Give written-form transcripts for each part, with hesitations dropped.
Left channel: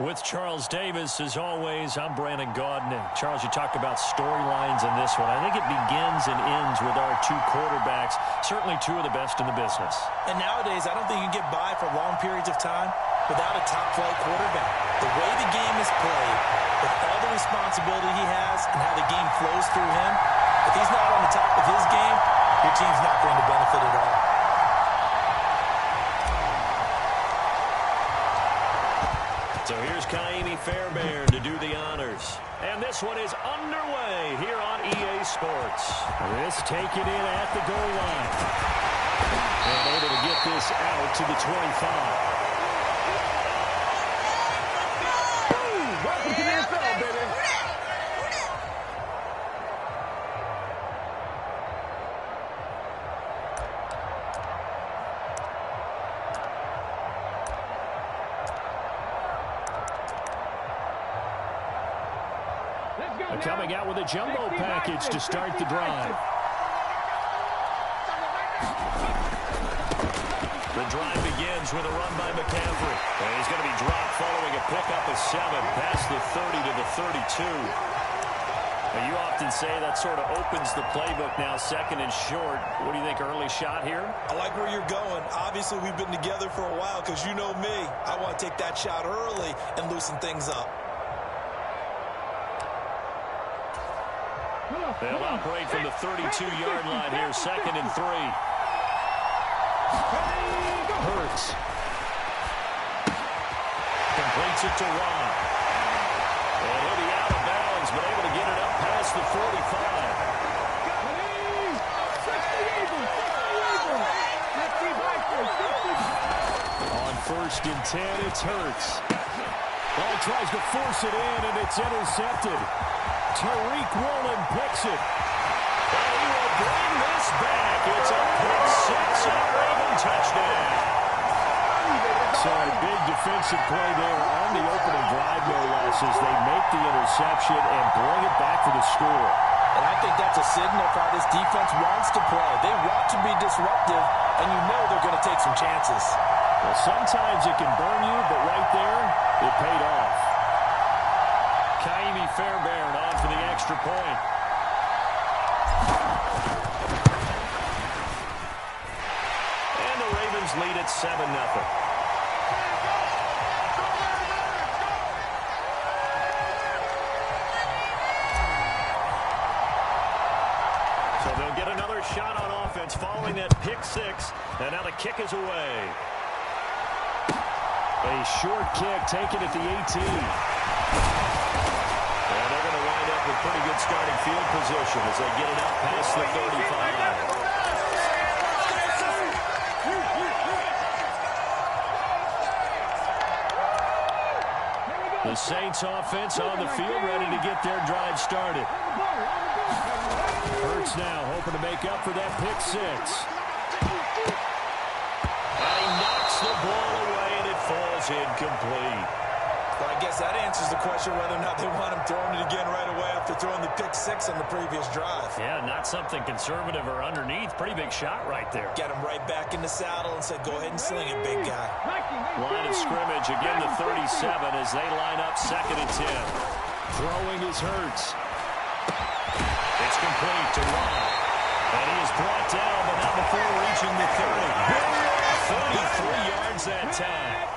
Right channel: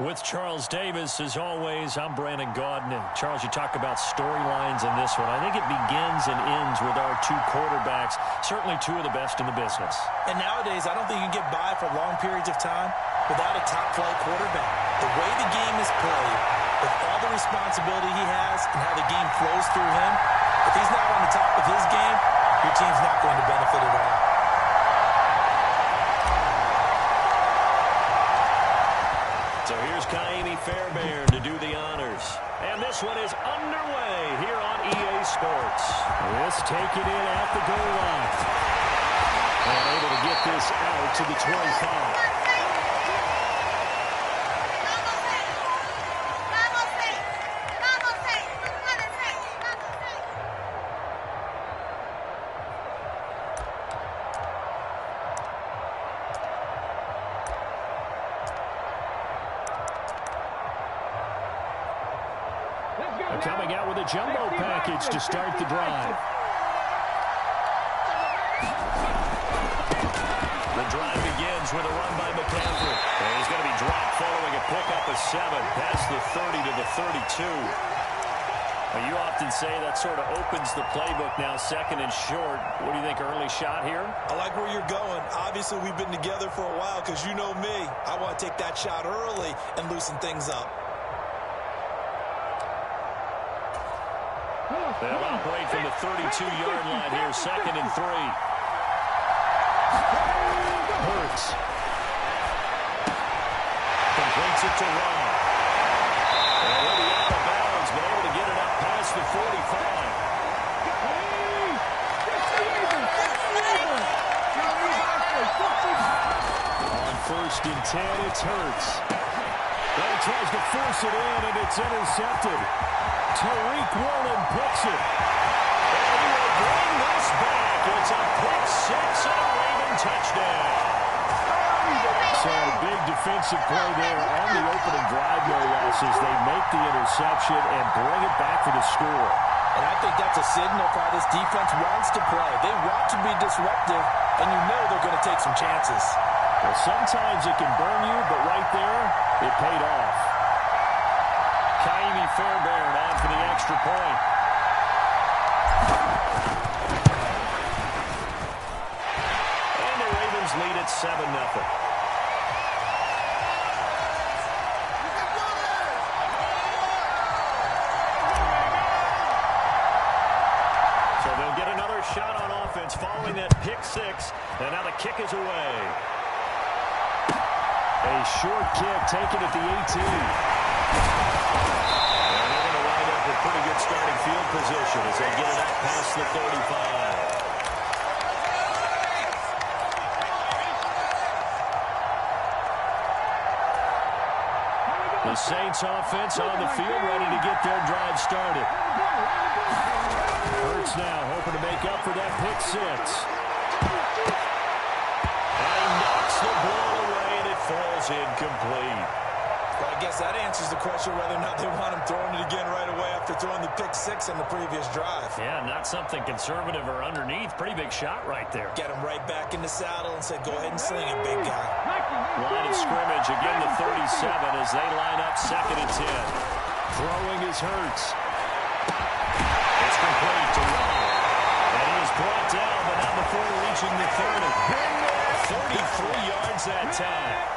With Charles Davis, as always, I'm Brandon Gaudin. And Charles, you talk about storylines in this one. I think it begins and ends with our two quarterbacks, certainly two of the best in the business. And nowadays, I don't think you can get by for long periods of time without a top-flight quarterback. The way the game is played, with all the responsibility he has and how the game flows through him, if he's not on the top of his game, your team's not going to benefit at all. So here's Kaimi Fairbairn to do the honors. And this one is underway here on EA Sports. This taken in at the goal line. And able to get this out to the 25. Coming out with a jumbo package to start the drive. The drive begins with a run by McCaffrey. And he's going to be dropped following a pickup of 7 past the 30 to the 32. Now, you often say that sort of opens the playbook now, second and short. What do you think, early shot here? I like where you're going. Obviously, we've been together for a while because you know me. I want to take that shot early and loosen things up. They'll operate from the 32-yard line here, 2nd and 3. Hurts. Completes it to Ron. And he'll be out of bounds, but able to get it up past the 45. On 1st and 10, it's Hurts. Well, tries to force it in, and it's intercepted. Tariq Woolen picks it. And he will bring this back. It's a pick 6 and a Raven touchdown. So a big defensive play there on the opening drive, no less, as they make the interception and bring it back for the score. And I think that's a signal for how this defense wants to play. They want to be disruptive, and you know they're going to take some chances. Well, sometimes it can burn you, but right there, it paid off. Kaimi Fairbairn on for the extra point. And the Ravens lead at 7-0. So they'll get another shot on offense following that pick 6. And now the kick is away. A short kick taken at the 18. And they're going to wind up with pretty good starting field position as they get it up past the 35. The Saints offense on the field, ready to get their drive started. Hurts now hoping to make up for that pick 6. And he knocks the ball away, and it falls incomplete. Well, I guess that answers the question whether or not they want him throwing it again right away after throwing the pick 6 on the previous drive. Yeah, not something conservative or underneath. Pretty big shot right there. Get him right back in the saddle and say, go ahead and sling it, big guy. Line of scrimmage, again the 37 as they line up 2nd and 10. Throwing is Hurts. It's complete to Ron. And he is brought down, but not before reaching the 30. 33 yards that time.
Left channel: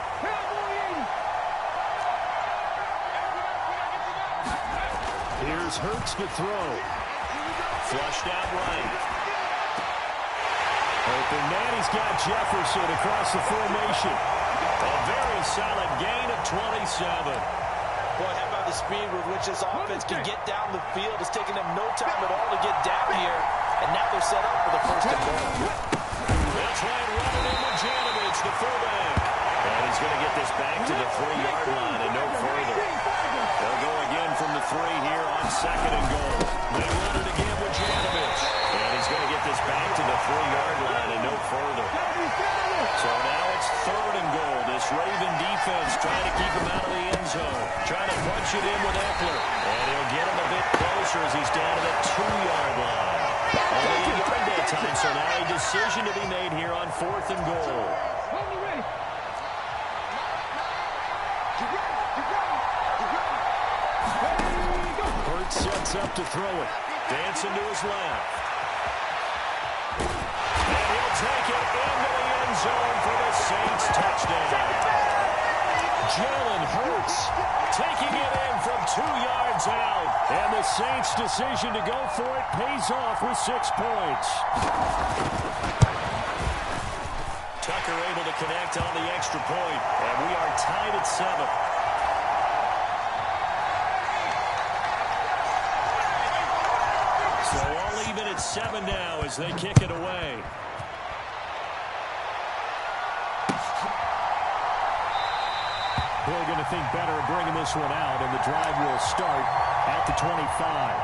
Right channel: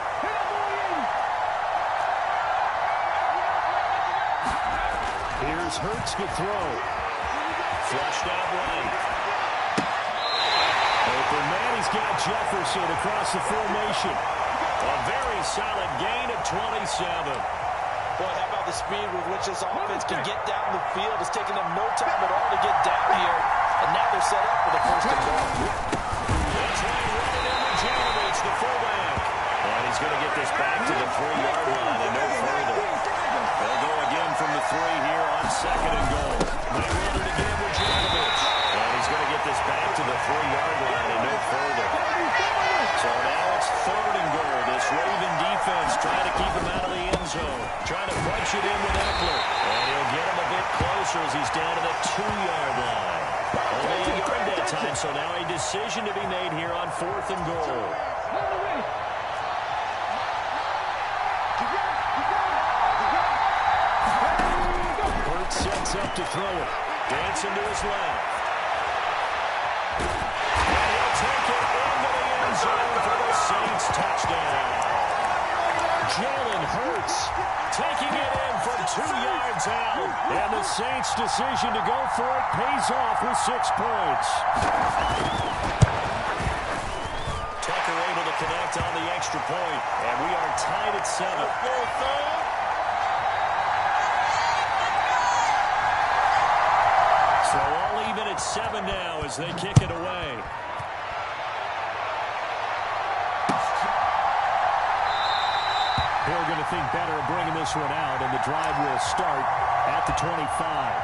Here's Hurts to throw. Flushed out right. Open man, he's got Jefferson across the formation. A very solid gain of 27. Boy, how about the speed with which this offense can get down the field? It's taking them no time at all to get down here. And now they're set up for the 1st and goal. That's right, running in with Janovich, the fullback. And he's going to get this back to the 3-yard line and no further. They'll go again from the 3 here on 2nd and goal. They run it again with Janovich. And he's going to get this back to the 3-yard line and no further. So now it's 3rd and goal. This Raven defense trying to keep him out of the end zone. Trying to punch it in with Eckler. And he'll get him a bit closer as he's down to the 2-yard line. Only a yard that time, so now a decision to be made here on 4th and goal. sets up to throw it. Dancing to his left. And he'll take it into the end zone for the Saints touchdown. Jalen Hurts taking it in from 2 yards out. And the Saints' decision to go for it pays off with 6 points. Tucker able to connect on the extra point, and we are tied at 7. So all even at 7 now as they kick it away. They're going to think better of bringing this one out, and the drive will start at the 25.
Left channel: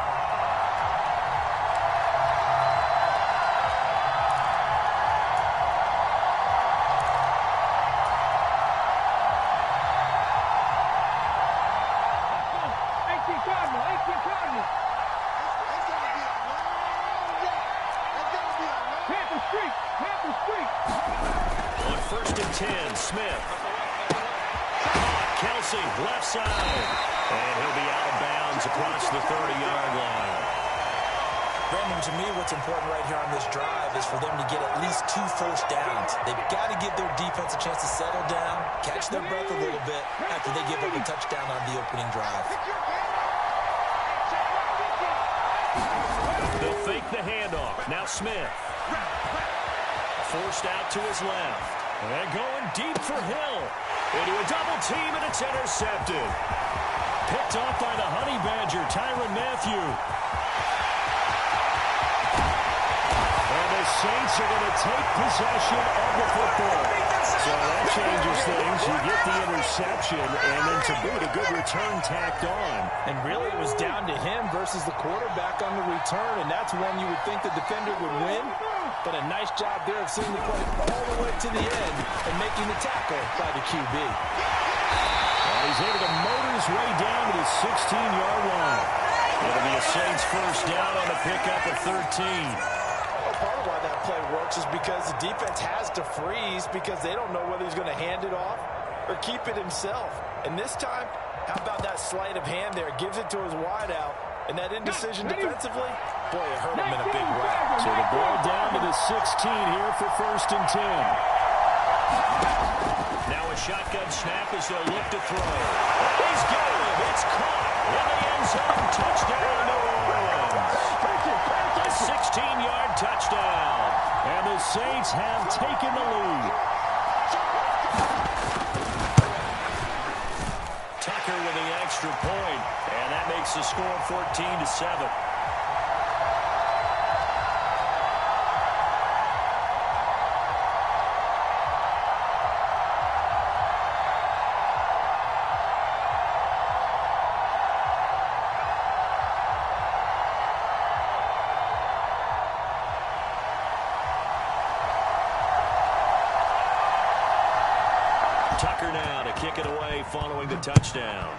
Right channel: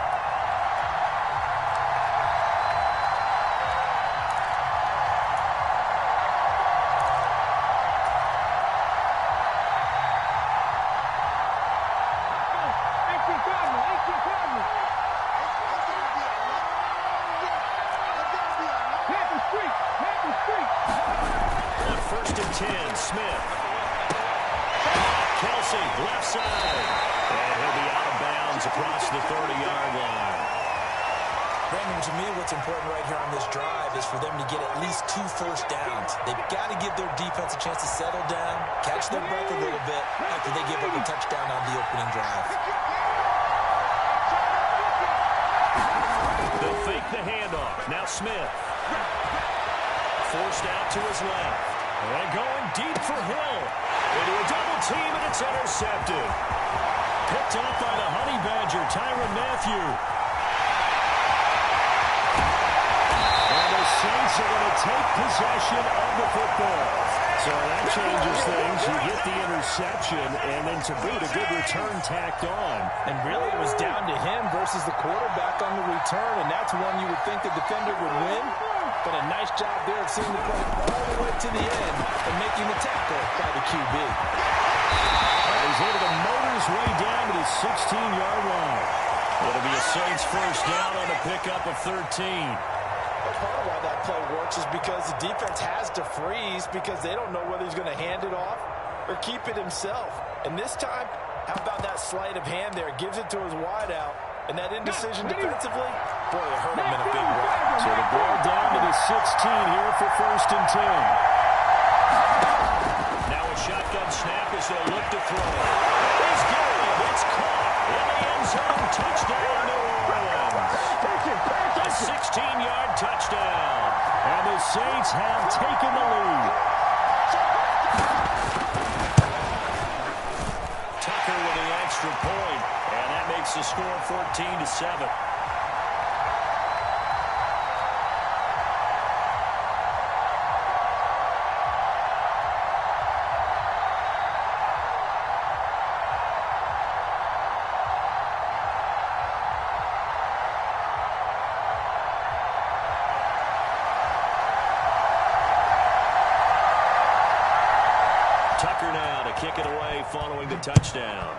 On 1st and 10, Smith. Kelsey, left side. And he'll be out of bounds across the 30-yard line. Brandon, to me, what's important right here on this drive is for them to get at least 2 first downs. They've got to give their defense a chance to settle down, catch their breath a little bit after they give up a touchdown on the opening drive. They'll fake the handoff. Now Smith. Forced out to his left. And going deep for Hill. Into a double team, and it's intercepted. Picked off by the Honey Badger, Tyrann Mathieu. And the Saints are going to take possession of the football. So that changes things. You get the interception, and then to boot, a good return tacked on. And really, it was down to him versus the quarterback on the return, and that's one you would think the defender would win. But a nice job there of seeing the play all the way to the end and making the tackle by the QB. He's able to motor his way down to the 16-yard line. It'll be a Saints first down on a pickup of 13. Well, part of why that play works is because the defense has to freeze because they don't know whether he's going to hand it off or keep it himself. And this time, how about that sleight of hand there? Gives it to his wideout. And that indecision defensively, boy, it hurt him in a big way. So the ball down to the 16 here for 1st and 10. Now a shotgun snap as they'll look to throw. And he's got it. It's caught in the end zone. Touchdown, New Orleans. A 16-yard touchdown. And the Saints have taken the lead. Tucker with the extra point, and that makes the score 14-7. Tucker now to kick it away following the touchdown.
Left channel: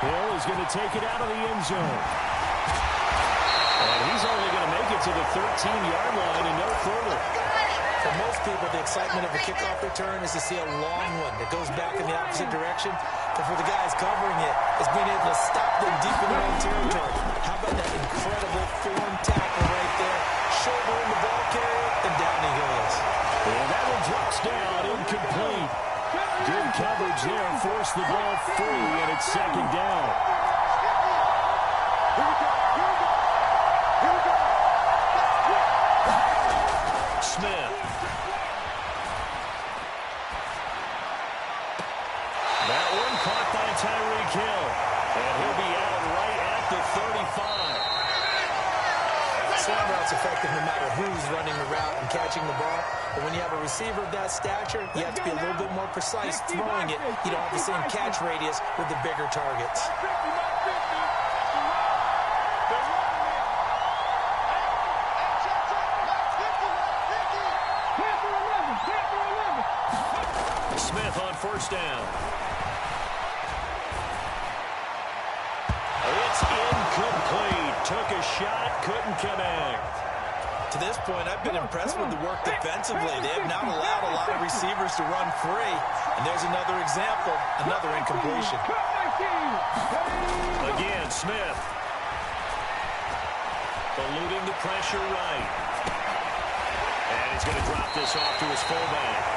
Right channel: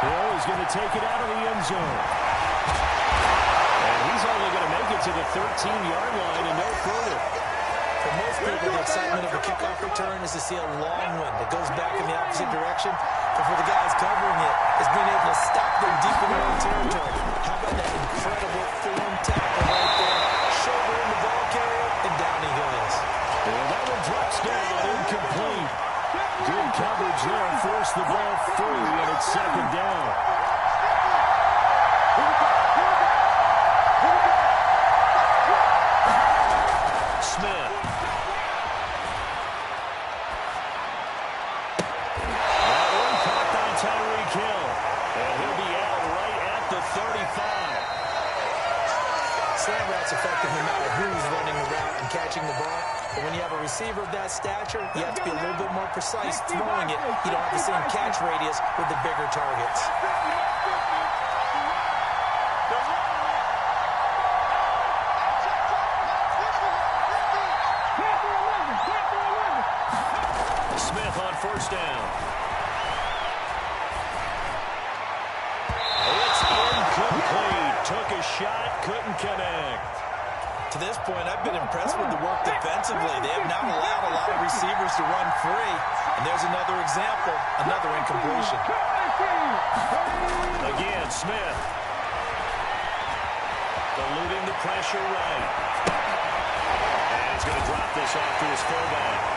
Hill is going to take it out of the end zone. And he's only going to make it to the 13-yard line and no further. For most people, the excitement of a kickoff return is to see a long one that goes back in the opposite direction. But for the guys covering it, it's being able to stop them deep in their own territory. How about that incredible form tackle right there? Shoulder in the ball carrier, and down he goes. And that one drops down, incomplete. Good coverage there, forced the ball free, and it's 2nd down. Smith. That one caught by Tyreek Hill. And he'll be out right at the 35. Slant route's effective no matter who's running the route and catching the ball. But when you have a receiver of that stature, you have to be a little bit more precise throwing it. You don't have the same catch radius with the bigger targets. Smith on 1st down. It's incomplete. Took a shot, couldn't connect. To this point, I've been impressed with the work defensively. They have not allowed a lot of receivers to run free. And there's another example, another incompletion. Again, Smith. Eluding the pressure right. And he's going to drop this off to his fullback.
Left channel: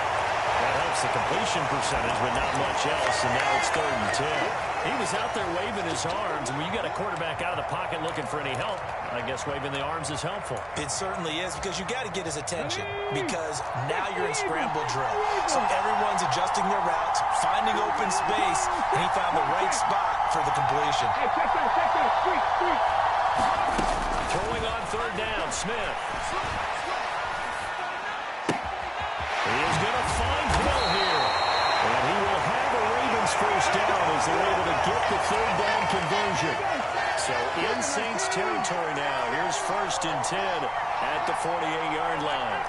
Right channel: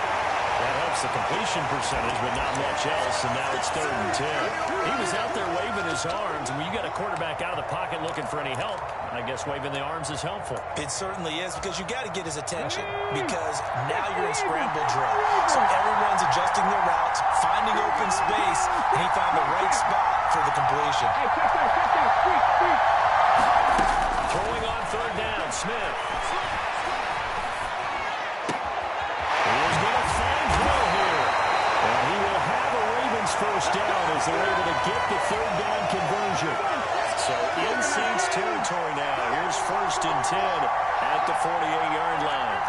That helps the completion percentage, but not much else, and now it's 3rd and 10. He was out there waving his arms, and when you got a quarterback out of the pocket looking for any help, I guess waving the arms is helpful. It certainly is, because you got to get his attention, because now you're in scramble drill. So everyone's adjusting their routes, finding open space, and he found the right spot for the completion. Hey, check that, street. Throwing on 3rd down, Smith. He is going to find Hill here. And he will have a Ravens first down as they're able to get the 3rd down conversion. So in Saints territory now. Here's 1st and 10 at the 48-yard line.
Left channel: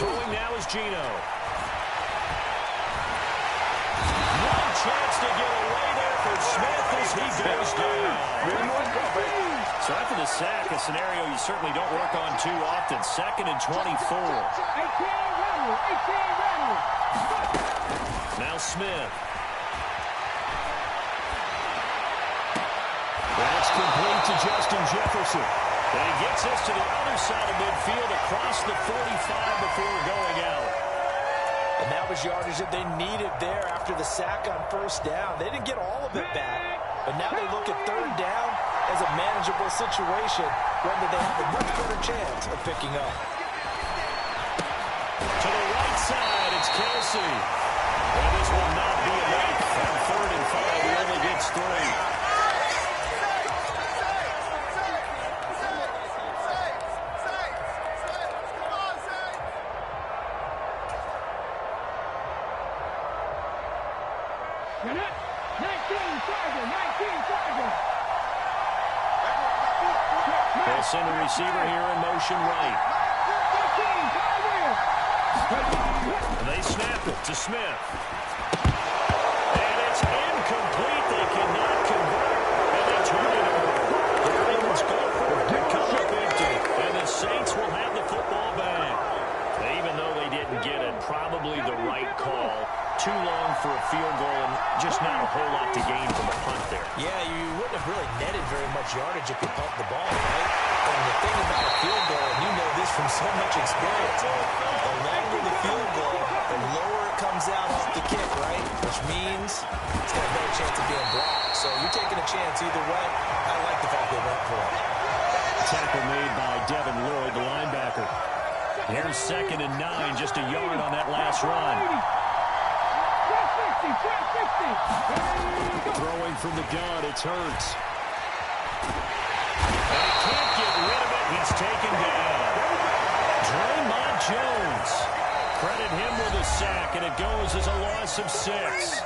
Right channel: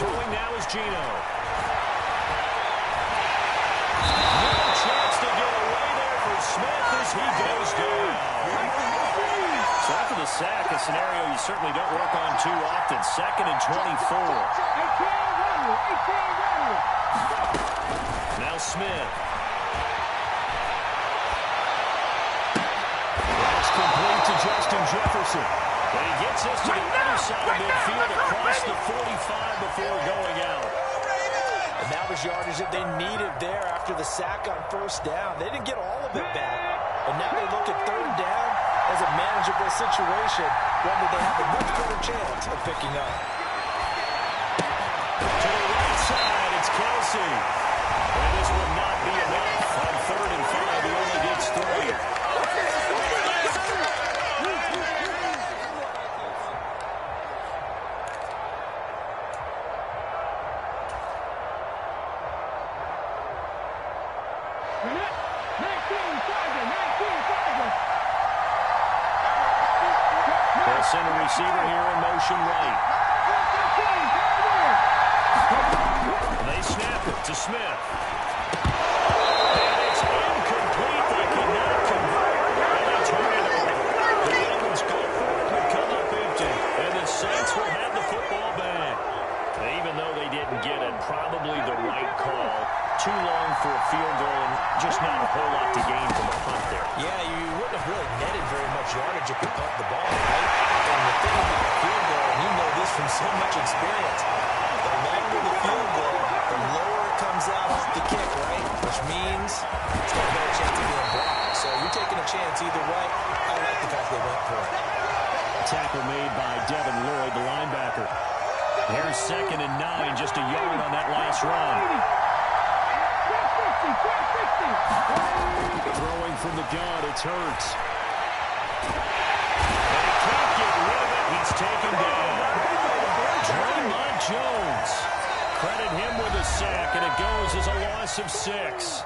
Throwing now is Geno. No chance to get away there for Smith as he goes down. So after the sack, a scenario you certainly don't work on too often. 2nd and 24. Now Smith. That's complete to Justin Jefferson. And he gets us to the other side of midfield across the 45 before going out. And that was yardage that they needed there after the sack on 1st down. They didn't get all of it back, but now they look at 3rd down as a manageable situation, one that they have a much better chance of picking up. To the right side, it's Kelsey. And this will not be enough. On 3rd and 5, he only gets 3. They'll send a receiver here in motion right. And they snap it to Smith. And it's incomplete. They cannot convert. And they turn it over. The Ravens go for it to come up empty. And the Saints will have the football back. Even though they didn't get it, probably the right call. Too long for a field goal and just not a whole lot to gain from a punt there. Yeah, you wouldn't have really netted very much yardage if you punt the ball, right? And the thing about a field goal, and you know this from so much experience, the longer the field goal, the lower it comes out off the kick, right? Which means it's got a better chance of being blocked. So you're taking a chance either way. I like the fact they went for it. Tackle made by Devin Lloyd, the linebacker. Here's 2nd and 9, just a yard on that last run. Throwing from the gun, it's Hurts. And he can't get rid of it. He's taken down. Draymond Jones. Credit him with a sack, and it goes as a loss of 6.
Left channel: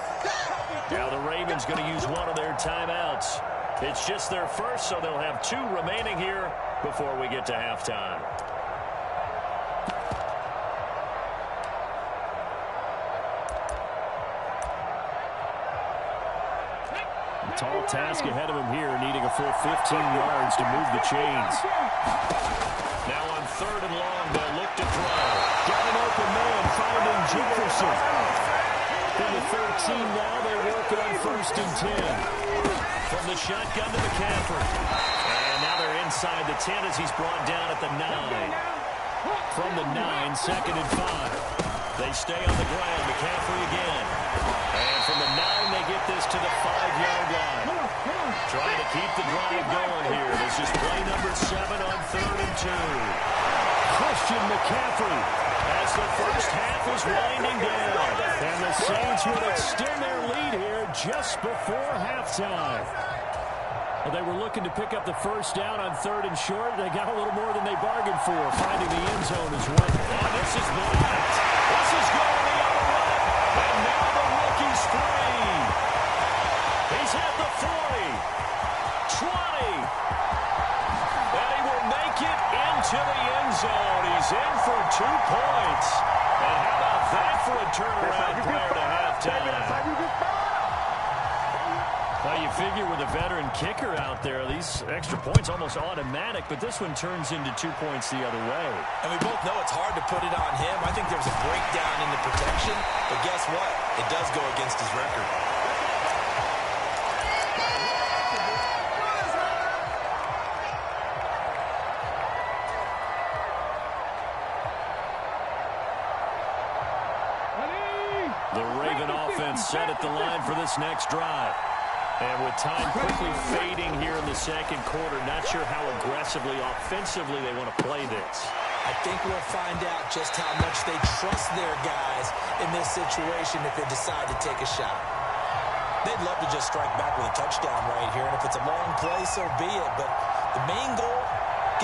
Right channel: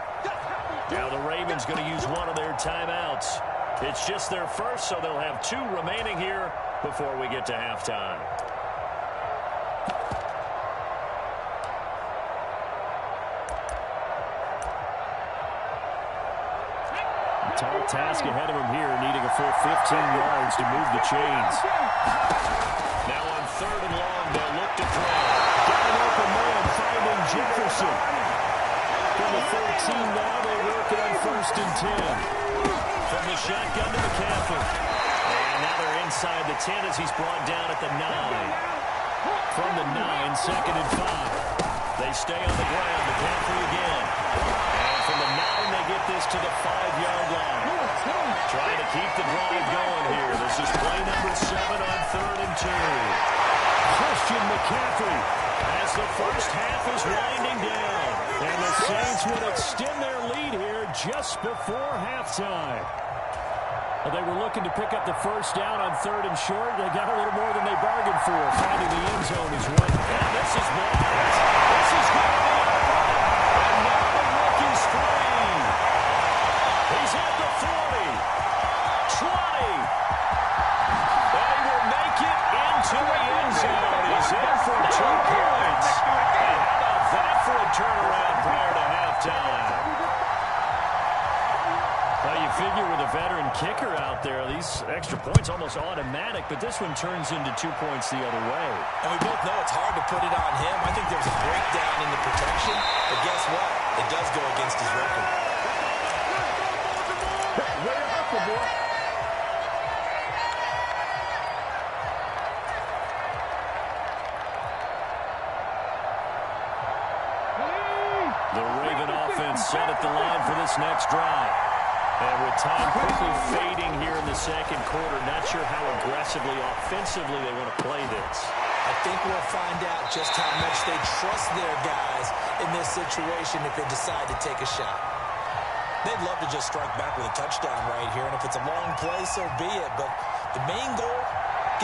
Now the Ravens going to use one of their timeouts. It's just their first, so they'll have 2 remaining here before we get to halftime. Tall task ahead of him here, needing a full 15 yards to move the chains. Now on 3rd and long, they'll look to throw. Got an open man, finding Jefferson. From the 13 now, they work on 1st and 10. From the shotgun to McCaffrey. And now they're inside the 10 as he's brought down at the 9. From the 9, 2nd and 5. They stay on the ground. McCaffrey again. And from the 9, they get this to the 5-yard line. Trying to keep the drive going here. This is play number 7 on 3rd and 2. Christian McCaffrey. As the first half is winding down. And the Saints would extend their lead here just before halftime. Well, they were looking to pick up the first down on 3rd and short. They got a little more than they bargained for. Finding the end zone is one. And this is blocked. This is going the other way. And now the rookie's free. He's at the 40. 20. And he will make it into the end zone. He's in for 2 points. And how about that for a turnaround prior to halftime? Well, you figure with a veteran kicker out there, these extra points almost automatic, but this one turns into 2 points the other way. And we both know it's hard to put it on him. I think there's a breakdown in the protection, but guess what? It does go against his record. The Raven offense set at the line for this next drive. And with time quickly fading here in the second quarter, not sure how aggressively, offensively they want to play this. I think we'll find out just how much they trust their guys in this situation if they decide to take a shot. They'd love to just strike back with a touchdown right here, and if it's a long play, so be it. But the main goal,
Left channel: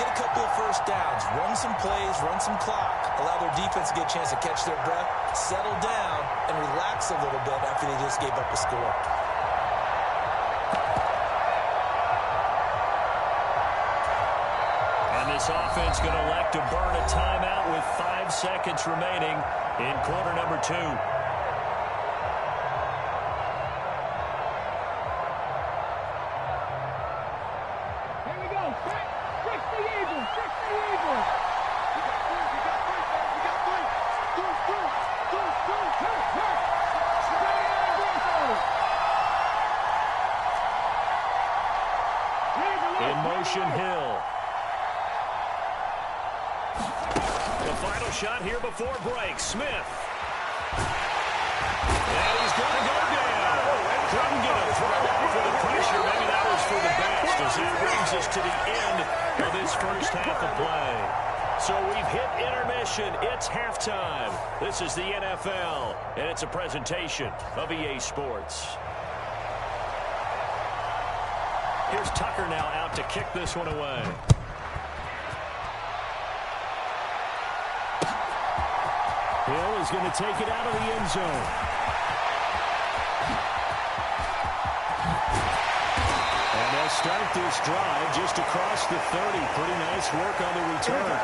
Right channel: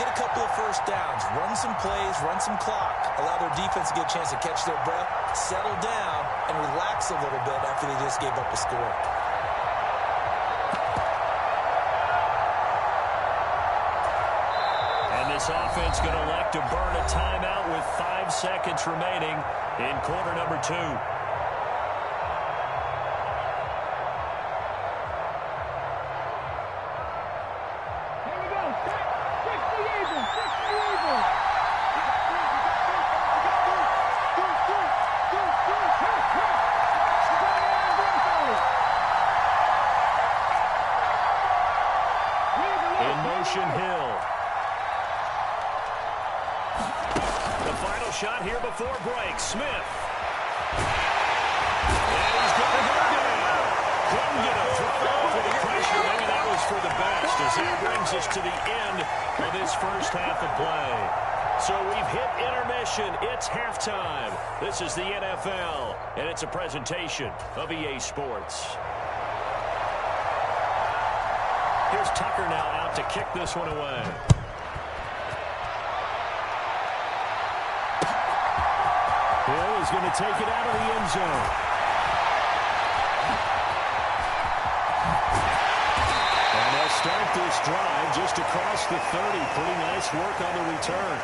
get a couple of first downs, run some plays, run some clock, allow their defense to get a chance to catch their breath, settle down, and relax a little bit after they just gave up a score. And this offense going to elect to burn a timeout with 5 seconds remaining in quarter number 2. Here we go. Fix the Eagles. Fix the Eagles. We got three. We got three. We got three. Two. Hurt. In motion, Hill. The final shot here before break. Smith. And he's going to go down. Couldn't get a throw off with the pressure. Maybe that was for the best, as that brings us to the end of this first half of play. So we've hit intermission. It's halftime. This is the NFL, and it's a presentation of EA Sports. Here's Tucker now out to kick this one away. Hill is going to take it out of the end zone. And they'll start this drive just across the 30. Pretty nice work on the return.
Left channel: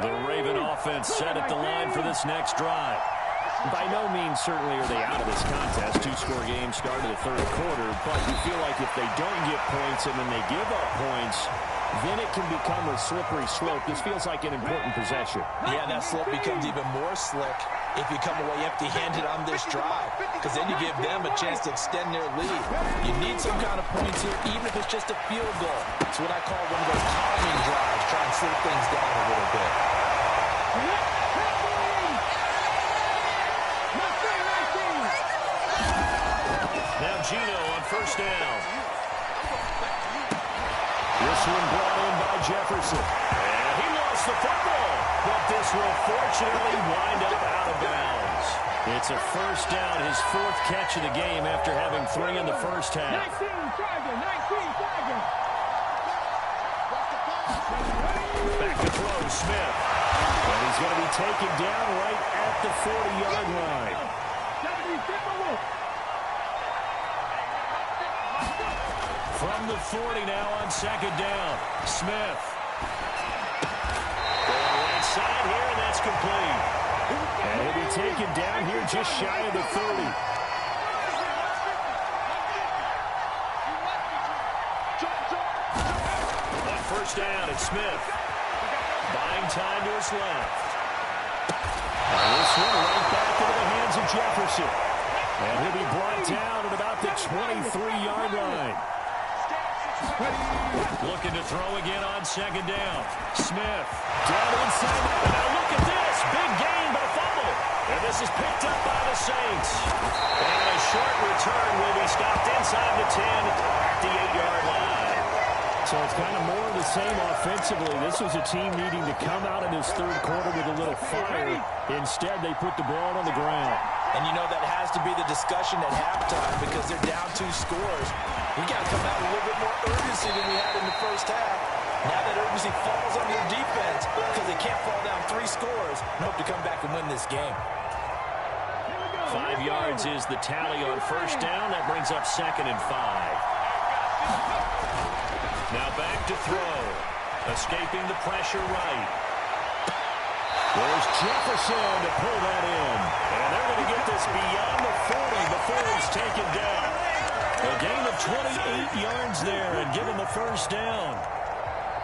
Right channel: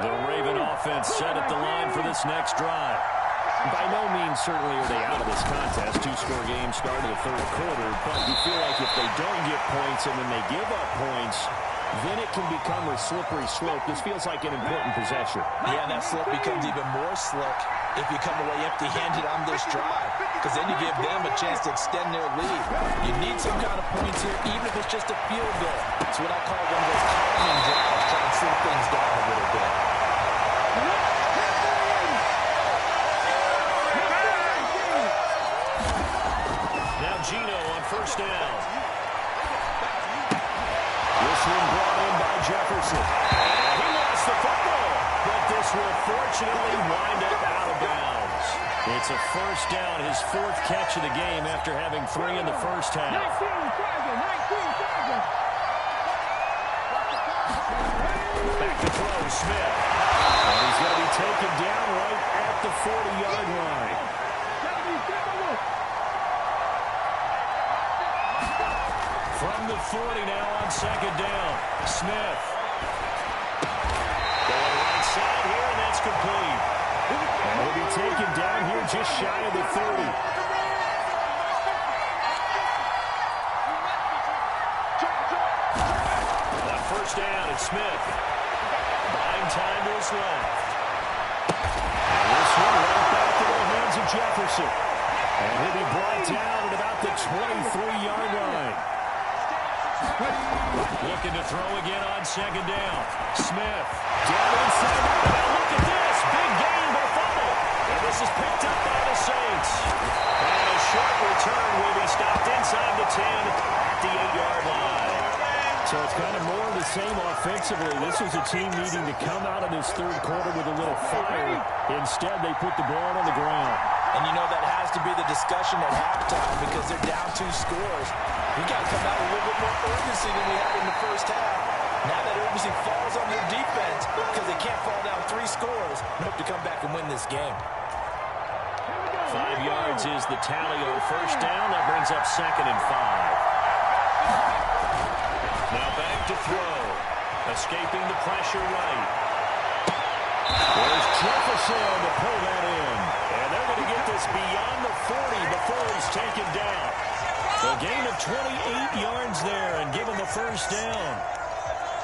The Raven offense set at the line for this next drive. By no means certainly are they out of this contest. Two-score game started the third quarter, but you feel like if they don't get points and then they give up points, then it can become a slippery slope. This feels like an important possession. Yeah, that slope becomes even more slick if you come away empty-handed on this drive, because then you give them a chance to extend their lead. You need some kind of points here, even if it's just a field goal. It's what I call one of those calming drives, try and slow things down a little bit. Now Gino on first down. This one brought in by Jefferson. And he lost the football, but this will fortunately wind up out of bounds. It's a first down, his fourth catch of the game after having 3 in the first half. 19 Tiger. Back to throw, Smith. And he's going to be taken down right at the 40-yard line. From the 40 now on second down. Smith. Going right side here, and that's complete. And he'll be taken down here just shy of the 30. On first down, it's Smith. Buying time to his left. And this one right back into the hands of Jefferson. And he'll be brought down at about the 23-yard line. Looking to throw again on second down. Smith. Down inside. Now look at this. Big gain, but a fumble. And this is picked up by the Saints. And a short return will be stopped inside the 10 at the 8-yard line. So it's kind of more of the same offensively. This was a team needing to come out in this third quarter with a little fire. Instead, they put the ball on the ground. And you know that has to be the discussion at halftime because they're down 2 scores. We got to come out with a little bit more urgency than we had in the first half. Now that urgency falls on their defense because they can't fall down 3 scores and hope to come back and win this game. 5 yards is the tally on first down. That brings up second and 5. Now back to throw. Escaping the pressure right. There's Jefferson to pull that in. And they're going to get this beyond the 40 before he's taken down. A gain of 28 yards there and give him the first down.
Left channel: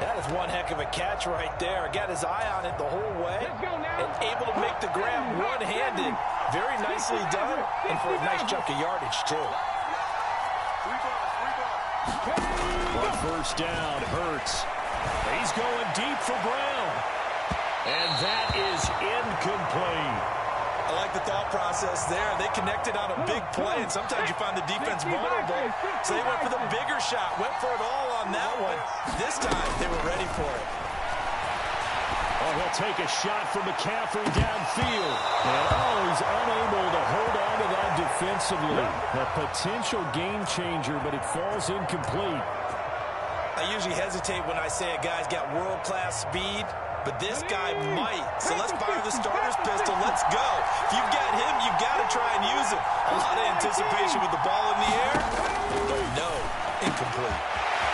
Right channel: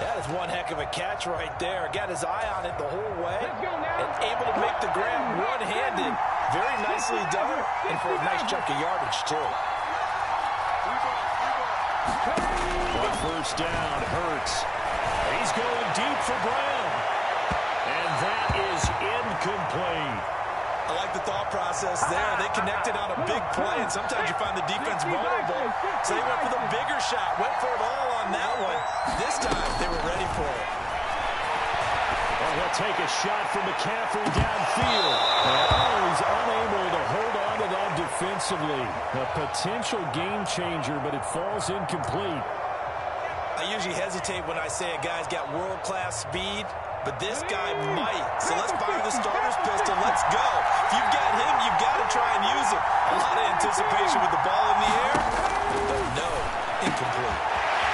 That is one heck of a catch right there. Got his eye on it the whole way and able to make the grab one-handed. Very nicely done and for a nice chunk of yardage, too. On first down, Hurts. He's going deep for Brown. And that is incomplete. I like the thought process there. They connected on a big play, and sometimes you find the defense vulnerable. So they went for the bigger shot, went for it all on that one. This time, they were ready for it. Oh, he'll take a shot from McCaffrey downfield. And, he's unable to hold on to that defensively. A potential game changer, but it falls incomplete. I usually hesitate when I say a guy's got world-class speed, but this guy might. So let's fire the starter's pistol. Let's go. If you've got him, you've got to try and use it. A lot of anticipation with the ball in the air, but no, incomplete.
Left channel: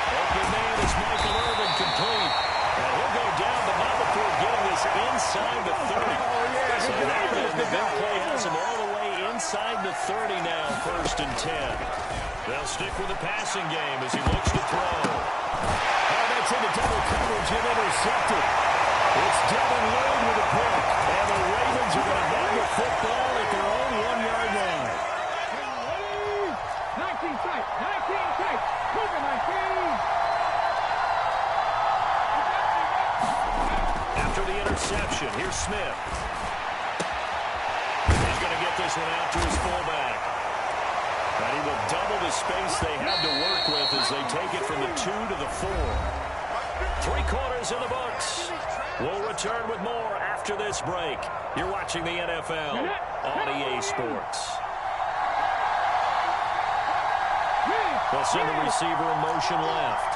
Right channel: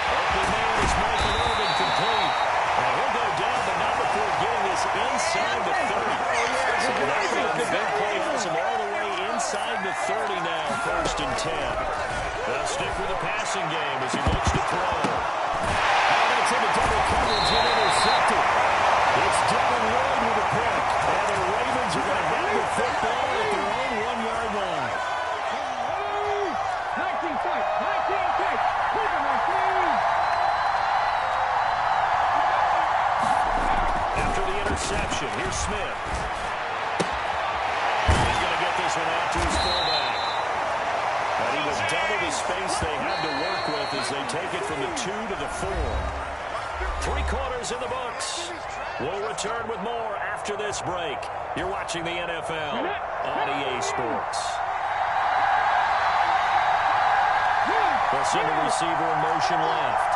Open man is Michael Irvin, complete. And he'll go down, but not before getting this inside the 30. So now the big play has him all the way inside the 30 now, 1st and 10. They'll stick with the passing game as he looks to throw. Oh, that's into double coverage and intercepted. It's Devin Lloyd with a pick. And the Ravens are going to have the football at their own 1-yard line. 19 tight. 19 tight. Move it, my team. After the interception, here's Smith. He's going to get this one out to his fullback. And he will double the space they have to work with as they take it from the 2 to the 4. 3 quarters in the books. We'll return with more after this break. You're watching the NFL on EA Sports. They'll send the receiver in motion left.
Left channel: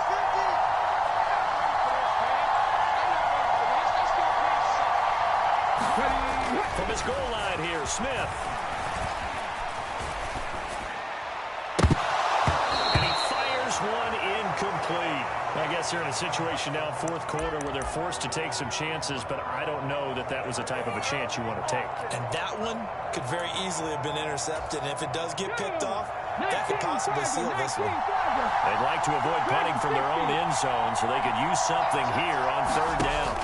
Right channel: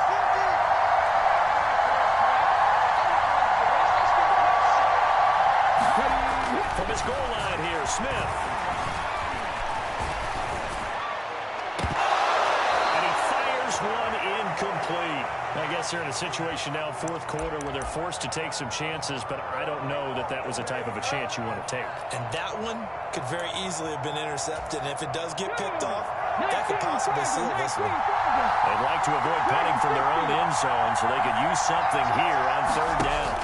From his goal line here, Smith. And he fires one incomplete. I guess they're in a situation now, 4th quarter, where they're forced to take some chances, but I don't know that that was a type of a chance you want to take. And that one could very easily have been intercepted. And if it does get picked off, that could possibly seal this one. They'd like to avoid punting from their own end zone so they could use something here on 3rd down.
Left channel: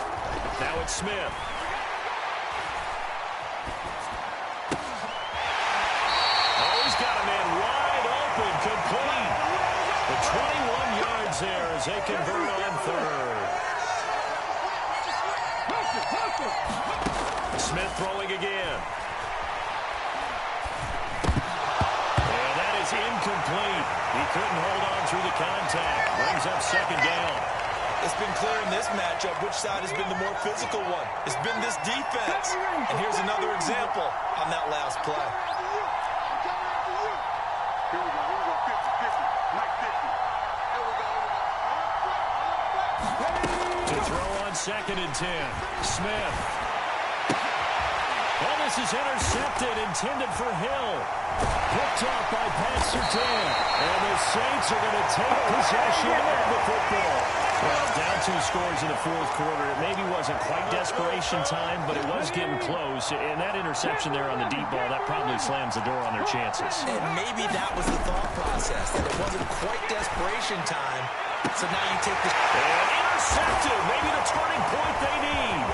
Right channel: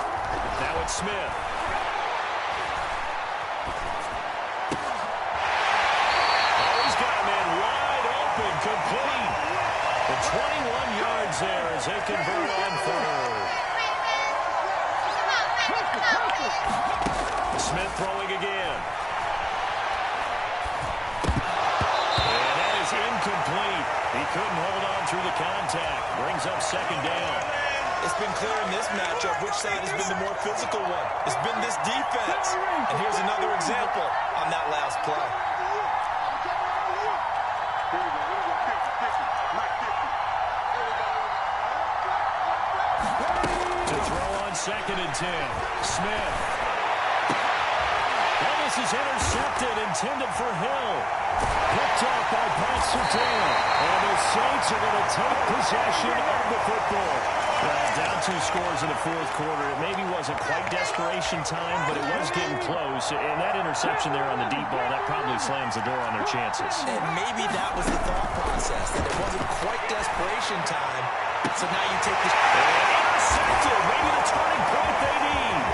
Now it's Smith. Got a man wide open, complete. The 21 yards there as they convert on 3rd. Smith throwing again. And that is incomplete. He couldn't hold on through the contact. Brings up 2nd down. It's been clear in this matchup which side has been the more physical one. It's been this defense. And here's another example on that last play. Here we go, 50, Mike 50. Here we go. To throw on 2nd and 10. Smith. Well, this is intercepted, intended for Hill. Picked off by Pat Surtain. And the Saints are going to take possession of the football. Well, down 2 scores in the 4th quarter. It maybe wasn't quite desperation time, but it was getting close. And that interception there on the deep ball, that probably slams the door on their chances. And maybe that was the thought process, that it wasn't quite desperation time. So now you take this. And intercepted. Maybe the turning point they need.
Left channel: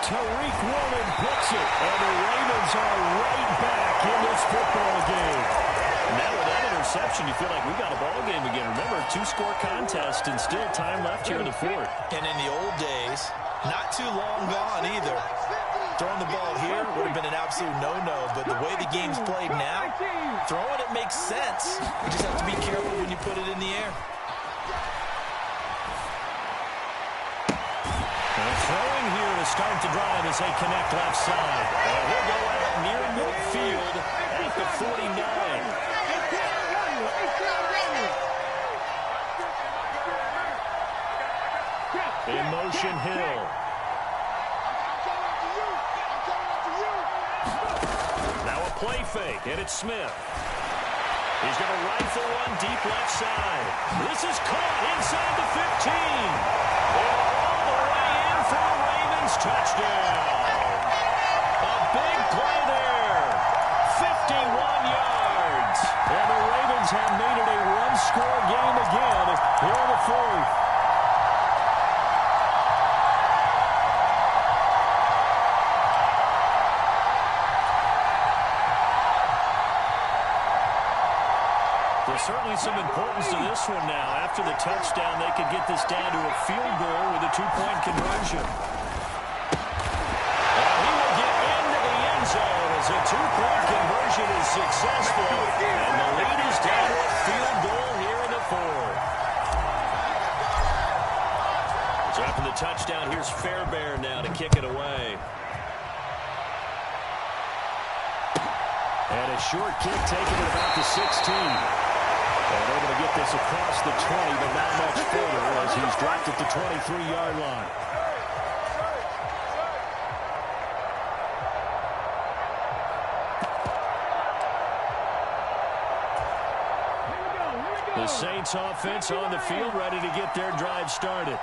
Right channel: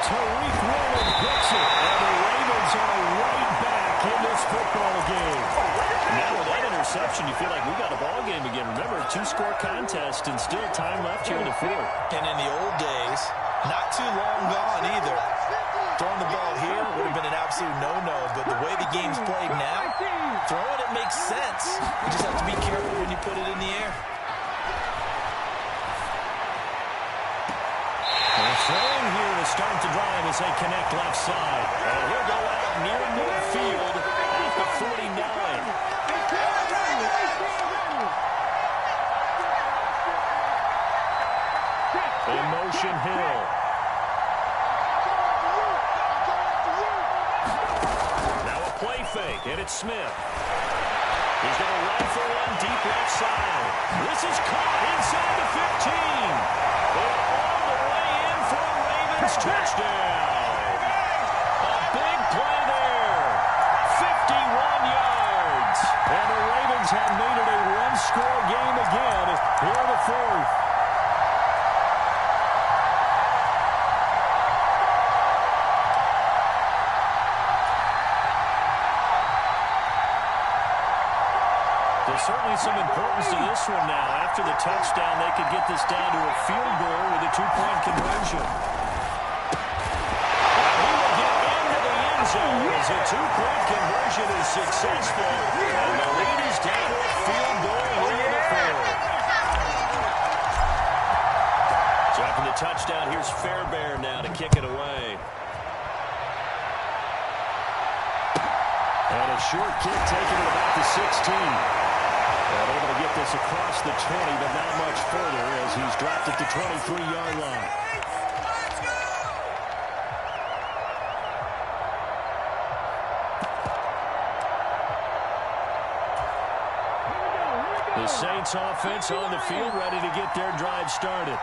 Tariq Woolen picks it. And the Ravens are right back in this football game. Now with that interception, you feel like we got a ball game again. Remember, 2-score contest and still time left here in the 4th. And in the old days, not too long gone either. Throwing the ball here would have been an absolute no-no. But the way the game's played now, throwing it makes sense. You just have to be careful when you put it in the air. They're throwing here to start the drive as they connect left side. And he'll go out near midfield at the 49. In motion, Hill. Now a play fake, and it's Smith. He's going to rifle one deep left side. This is caught inside the 15. And Ravens touchdown. A big play there. 51 yards. And the Ravens have made it a one-score game again here in the fourth. There's certainly some importance to this one now. After the touchdown, they could get this down to a field goal with a two-point conversion. And he will get into the end zone as a two-point conversion is successful. And the lead is down to a field goal here in the fourth. So after the touchdown, here's Fairbairn now to kick it away. And a short kick taken at about the 16. And able to get this across the 20, but not much further as he's dropped at the 23-yard line. The Saints offense on the field, ready to get their drive started.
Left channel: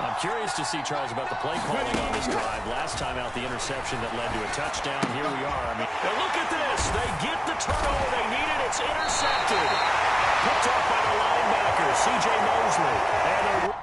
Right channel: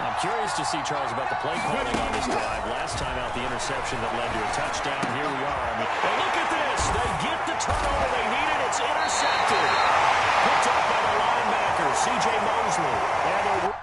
I'm curious to see, Charles, about the play calling on this drive. Last time out, the interception that led to a touchdown. Here we are. And look at this. They get the turnover they needed. It's intercepted. Picked off by the linebacker, C.J. Mosley. And